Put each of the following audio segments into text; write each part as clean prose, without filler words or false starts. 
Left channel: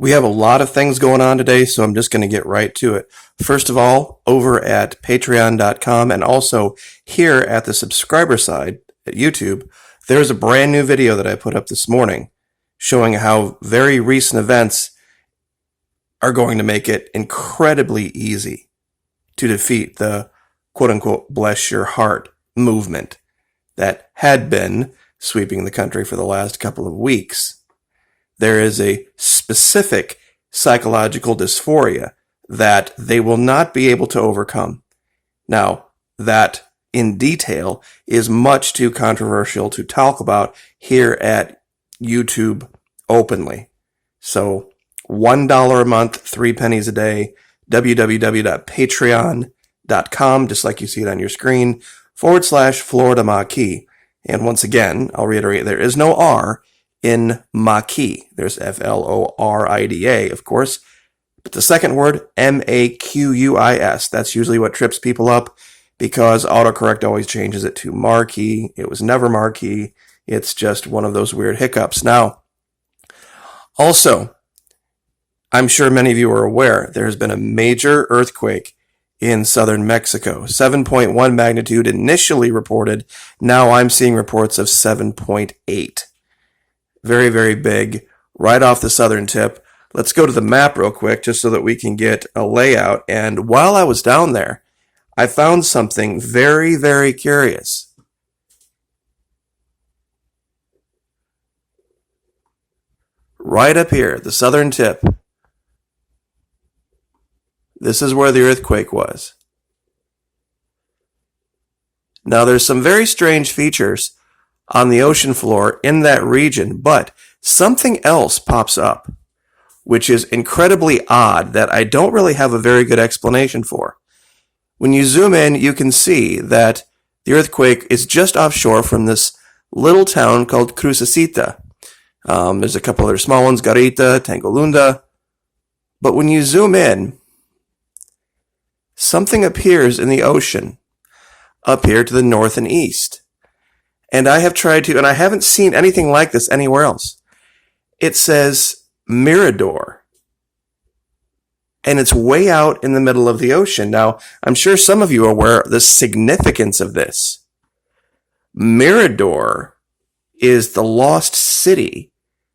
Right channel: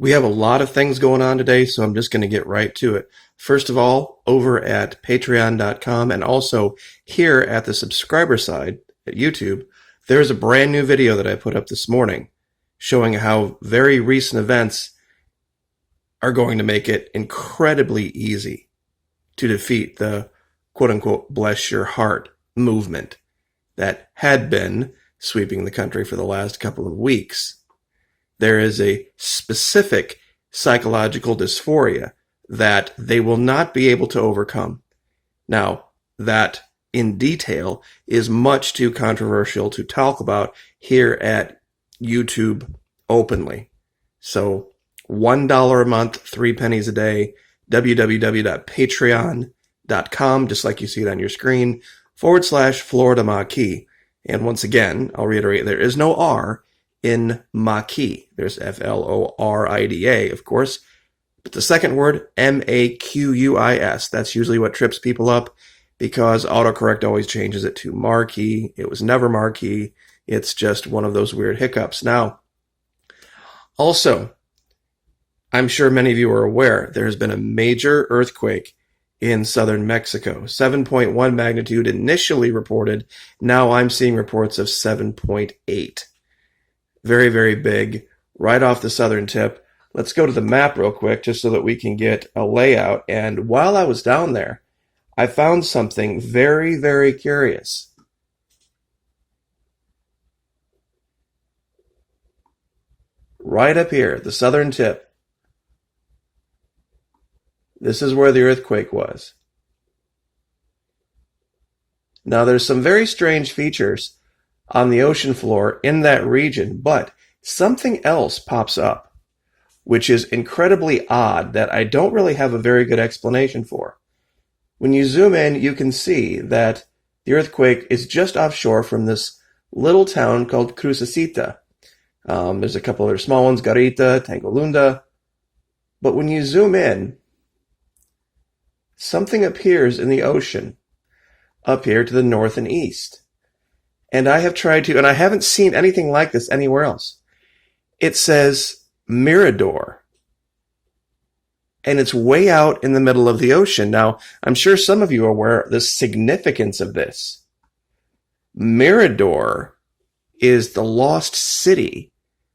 We have a lot of things going on today, so I'm just going to get right to it. First of all, over at patreon.com and also here at the subscriber side at YouTube, there's a brand new video that I put up this morning showing how very recent events are going to make it incredibly easy to defeat the quote-unquote bless your heart movement that had been sweeping the country for the last couple of weeks. There is a specific psychological dysphoria that they will not be able to overcome. Now, that in detail is much too controversial to talk about here at YouTube openly. So, $1 a month, 3 pennies a day, www.patreon.com, just like you see it on your screen, /Florida Maquis. And once again, I'll reiterate, there is no R in Maquis. There's Florida, of course. But the second word, Maquis, that's usually what trips people up because autocorrect always changes it to Marquee. It was never Marquee. It's just one of those weird hiccups. Now, also, I'm sure many of you are aware, there has been a major earthquake in southern Mexico. 7.1 magnitude initially reported. Now I'm seeing reports of 7.8. Very, very big, right off the southern tip. Let's go to the map real quick just so that we can get a layout. And while I was down there, I found something very, very curious. Right up here, the southern tip. This is where the earthquake was. Now, there's some very strange features on the ocean floor in that region, but something else pops up, which is incredibly odd that I don't really have a very good explanation for. When you zoom in, you can see that the earthquake is just offshore from this little town called Crucecita. There's a couple other small ones, Garita, Tangolunda. But when you zoom in, something appears in the ocean up here to the north and east. And I have tried to, and I haven't seen anything like this anywhere else. It says Mirador. And it's way out in the middle of the ocean. Now, I'm sure some of you are aware of the significance of this. Mirador is the lost city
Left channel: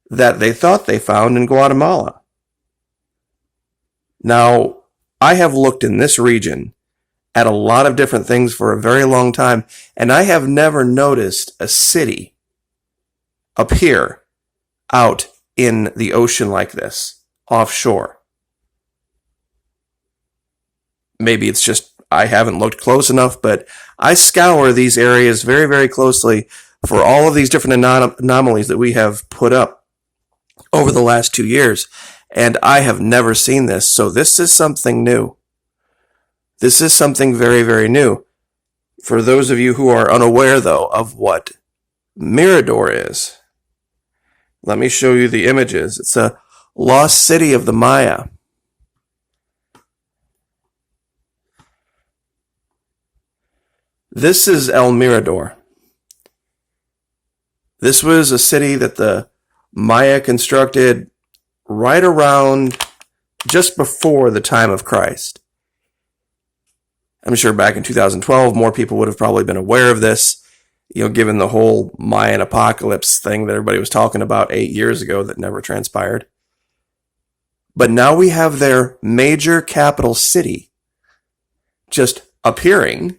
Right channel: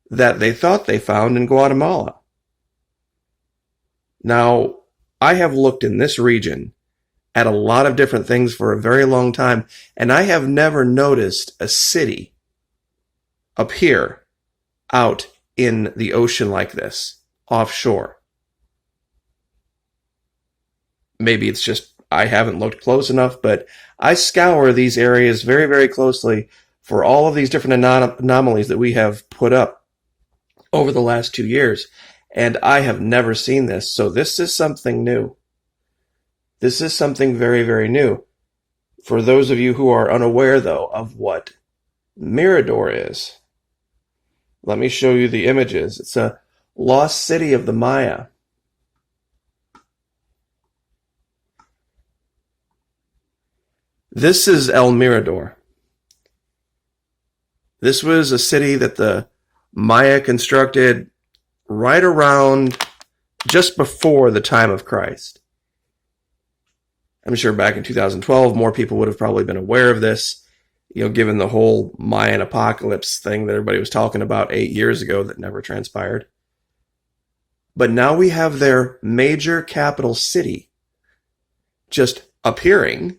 that they thought they found in Guatemala. Now, I have looked in this region at a lot of different things for a very long time, and I have never noticed a city up here out in the ocean like this, offshore. Maybe it's just I haven't looked close enough, but I scour these areas very, very closely for all of these different anomalies that we have put up over the last 2 years, and I have never seen this, so this is something new. This is something very, very new. For those of you who are unaware, though, of what Mirador is, let me show you the images. It's a lost city of the Maya. This is El Mirador. This was a city that the Maya constructed right around just before the time of Christ. I'm sure back in 2012, more people would have probably been aware of this, given the whole Mayan apocalypse thing that everybody was talking about 8 years ago that never transpired. But now we have their major capital city just appearing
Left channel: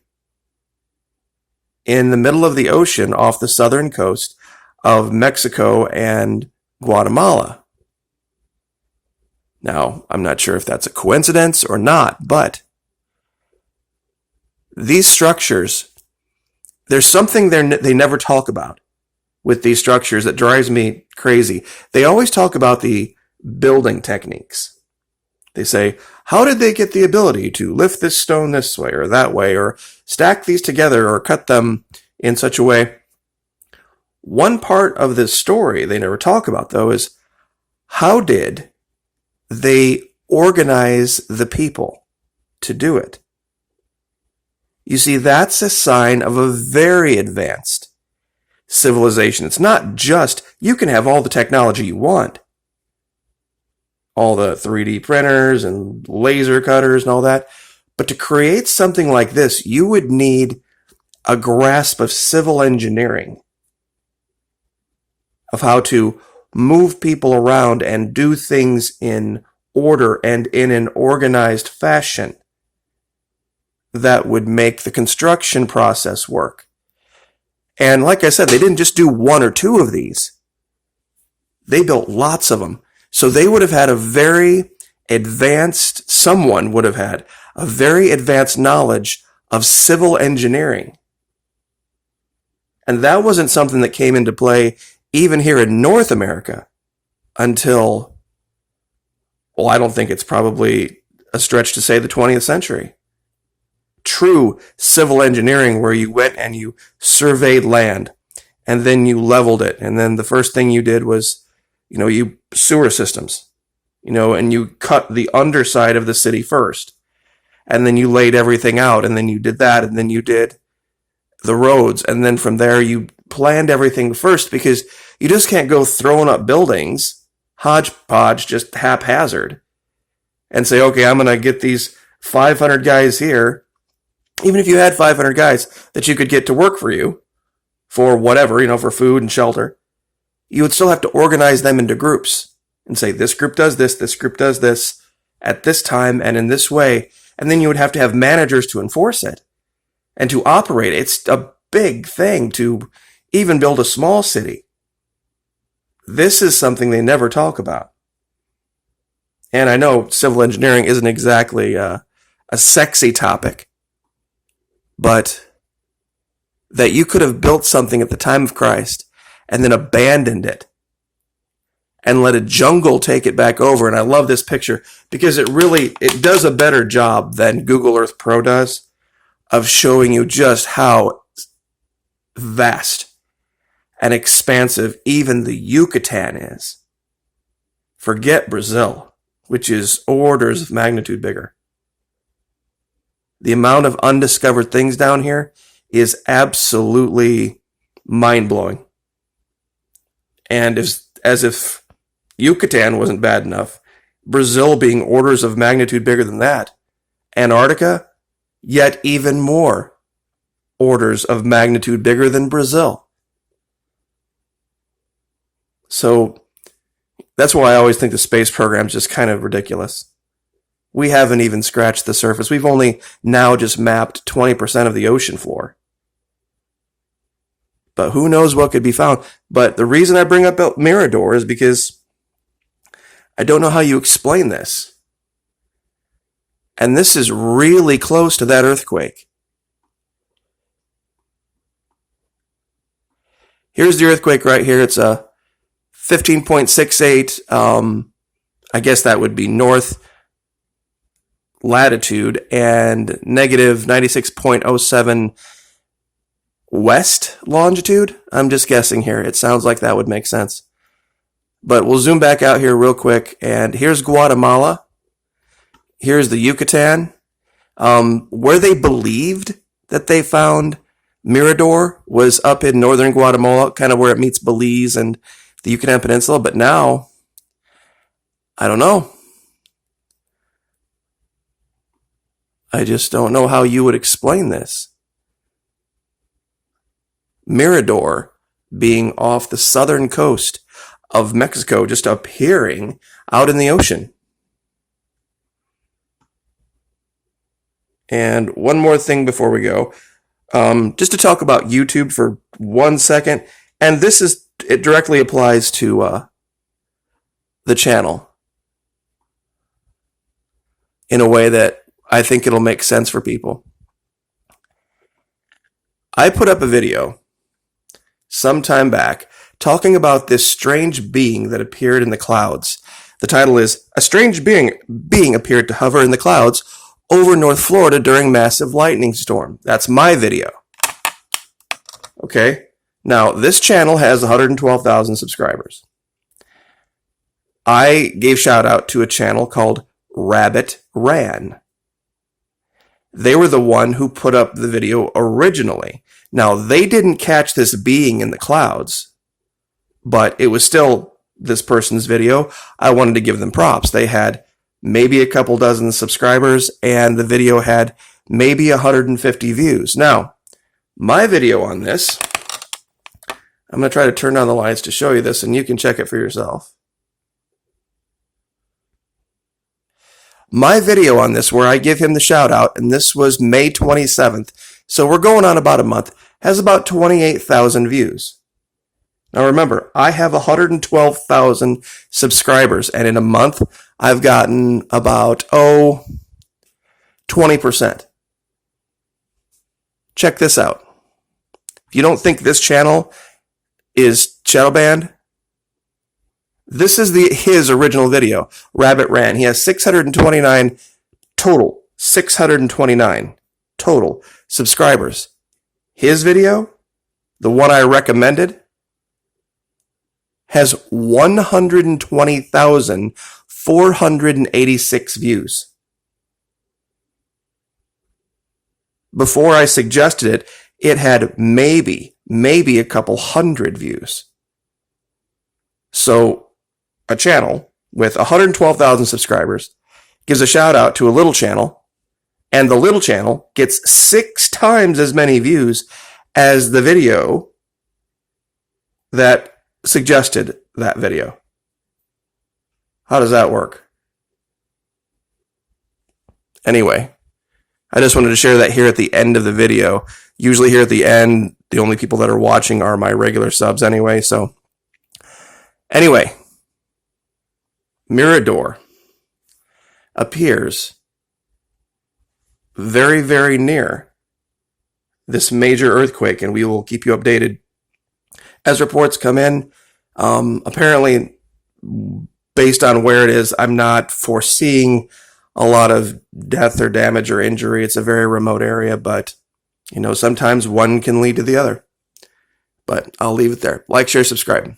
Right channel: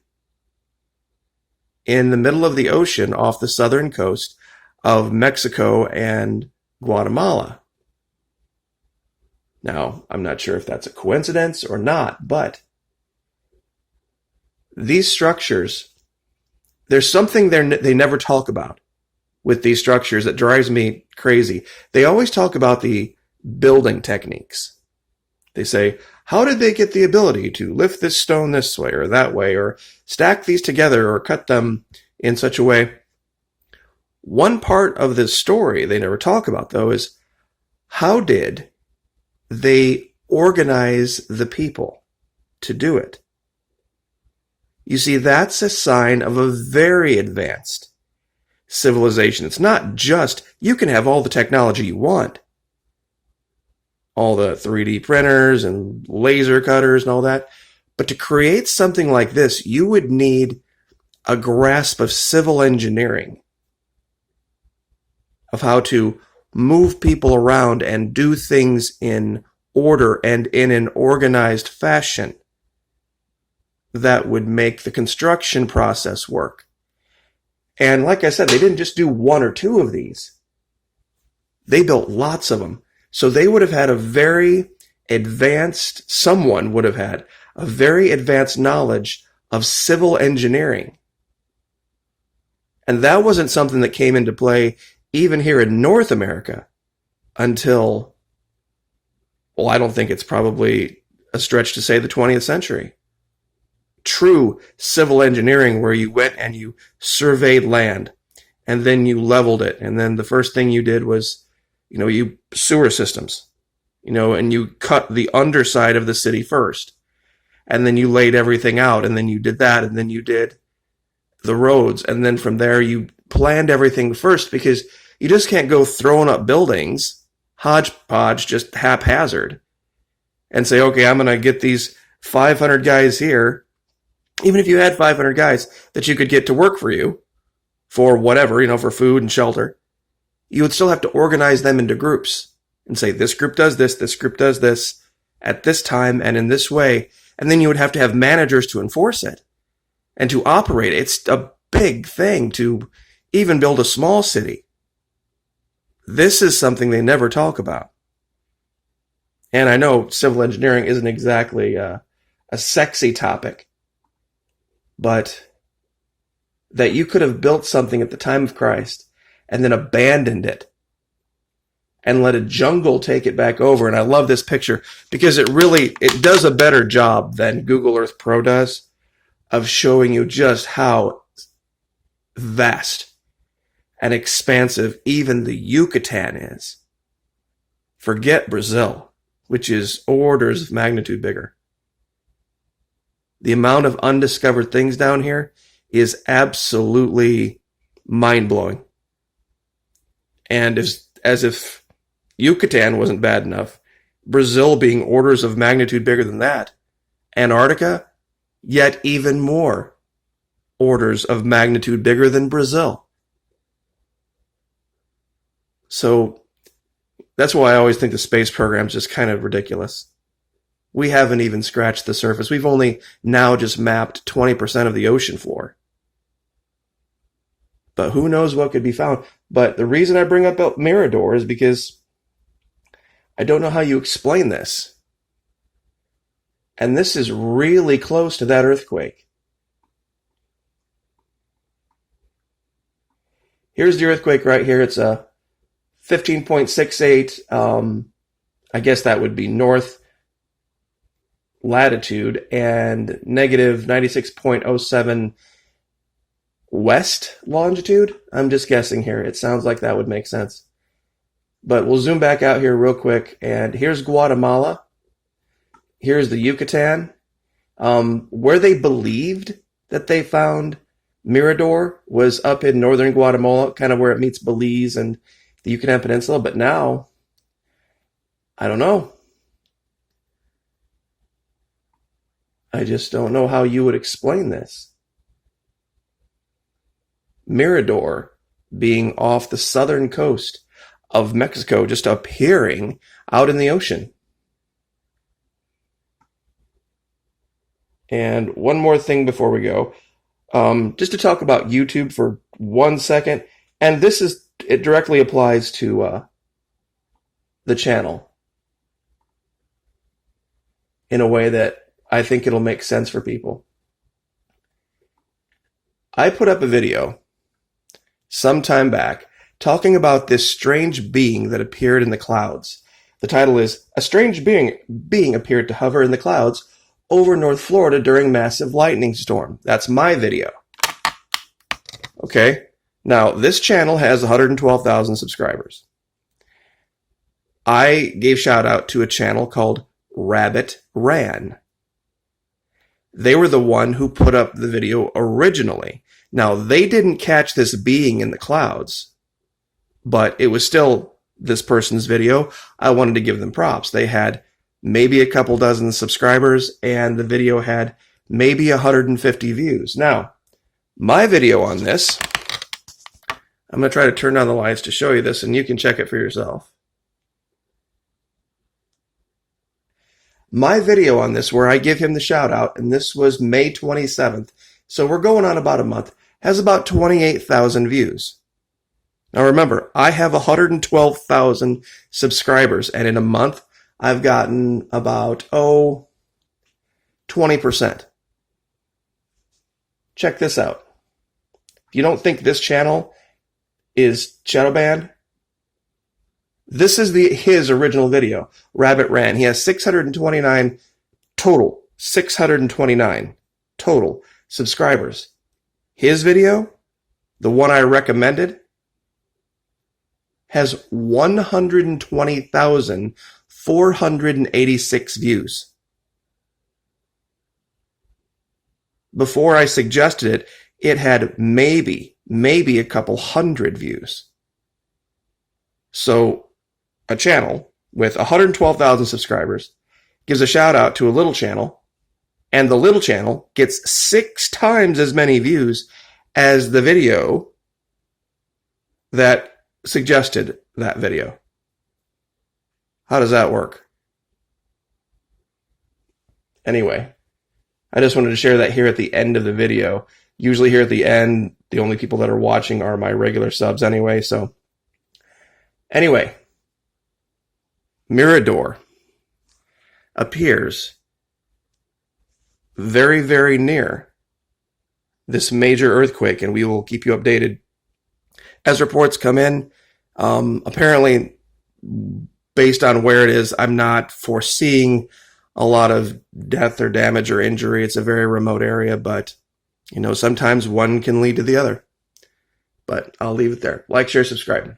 in the middle of the ocean off the southern coast of Mexico and Guatemala. Now, I'm not sure if that's a coincidence or not, but these structures, there's something they never talk about with these structures that drives me crazy. They always talk about the building techniques. They say, how did they get the ability to lift this stone this way or that way, or stack these together or cut them in such a way? One part of this story they never talk about, though, is how did they organize the people to do it? You see, that's a sign of a very advanced civilization. It's not just, you can have all the technology you want. all the 3D printers and laser cutters and all that. But to create something like this, you would need a grasp of civil engineering, of how to move people around and do things in order and in an organized fashion that would make the construction process work. And like I said, they didn't just do one or two of these. They built lots of them. So they would have had someone would have had a very advanced knowledge of civil engineering. And that wasn't something that came into play even here in North America until, well, I don't think it's probably a stretch to say the 20th century. True civil engineering where you went and you surveyed land and then you leveled it. And then the first thing you did was, you sewer systems, and you cut the underside of the city first. And then you laid everything out, and then you did that, and then you did the roads. And then from there you planned everything first, because you just can't go throwing up buildings, hodgepodge, just haphazard, and say, okay, I'm going to get these 500 guys here. Even if you had 500 guys that you could get to work for you for whatever, for food and shelter, you would still have to organize them into groups and say, this group does this group does this at this time and in this way. And then you would have to have managers to enforce it and to operate it. It's a big thing to even build a small city. This is something they never talk about. And I know civil engineering isn't exactly a sexy topic, but that you could have built something at the time of Christ and then abandoned it and let a jungle take it back over. And I love this picture because it does a better job than Google Earth Pro does of showing you just how vast and expansive even the Yucatan is. Forget Brazil, which is orders of magnitude bigger. The amount of undiscovered things down here is absolutely mind-blowing. And as if Yucatan wasn't bad enough, Brazil being orders of magnitude bigger than that, Antarctica, yet even more orders of magnitude bigger than Brazil. So that's why I always think the space program is just kind of ridiculous. We haven't even scratched the surface. We've only now just mapped 20% of the ocean floor. But who knows what could be found. But the reason I bring up Mirador is because I don't know how you explain this. And this is really close to that earthquake. Here's the earthquake right here. It's a 15.68. I guess that would be north latitude, and negative 96.07 west longitude. I'm just guessing here. It sounds like that would make sense. But we'll zoom back out here real quick, and here's Guatemala. Here's the Yucatan. Where they believed that they found Mirador was up in northern Guatemala, kind of where it meets Belize and the Yucatan Peninsula. But now, I don't know. I just don't know how you would explain this. Mirador being off the southern coast of Mexico, just appearing out in the ocean. And one more thing before we go, just to talk about YouTube for 1 second, and it directly applies to the channel in a way that I think it'll make sense for people. I put up a video some time back talking about this strange being that appeared in the clouds. The title is, "A Strange Being Appeared to Hover in the Clouds Over North Florida During Massive Lightning Storm." That's my video. Okay? Now, this channel has 112,000 subscribers. I gave shout out to a channel called Rabbit Ran. They were the one who put up the video originally. Now, they didn't catch this being in the clouds, but it was still this person's video, I wanted to give them props. They had maybe a couple dozen subscribers, and the video had maybe 150 views. Now, my video on this, I'm going to try to turn down the lights to show you this, and you can check it for yourself. My video on this, where I give him the shout out, and this was May 27th, so we're going on about a month, has about 28,000 views. Now remember, I have 112,000 subscribers, and in a month, I've gotten about, 20%. Check this out. If you don't think this channel is shadow banned, this is his original video, Rabbit Ran. He has 629 total subscribers. His video, the one I recommended, has 120,486 views. Before I suggested it, it had maybe a couple hundred views. So a channel with 112,000 subscribers gives a shout out to a little channel, and the little channel gets 6 times as many views as the video that suggested that video. How does that work? Anyway, I just wanted to share that here at the end of the video. Usually here at the end, the only people that are watching are my regular subs anyway. So anyway, Mirador appears very, very near this major earthquake, and we will keep you updated as reports come in. Apparently, based on where it is, I'm not foreseeing a lot of death or damage or injury. It's a very remote area, but sometimes one can lead to the other. But I'll leave it there. Like, share, subscribe.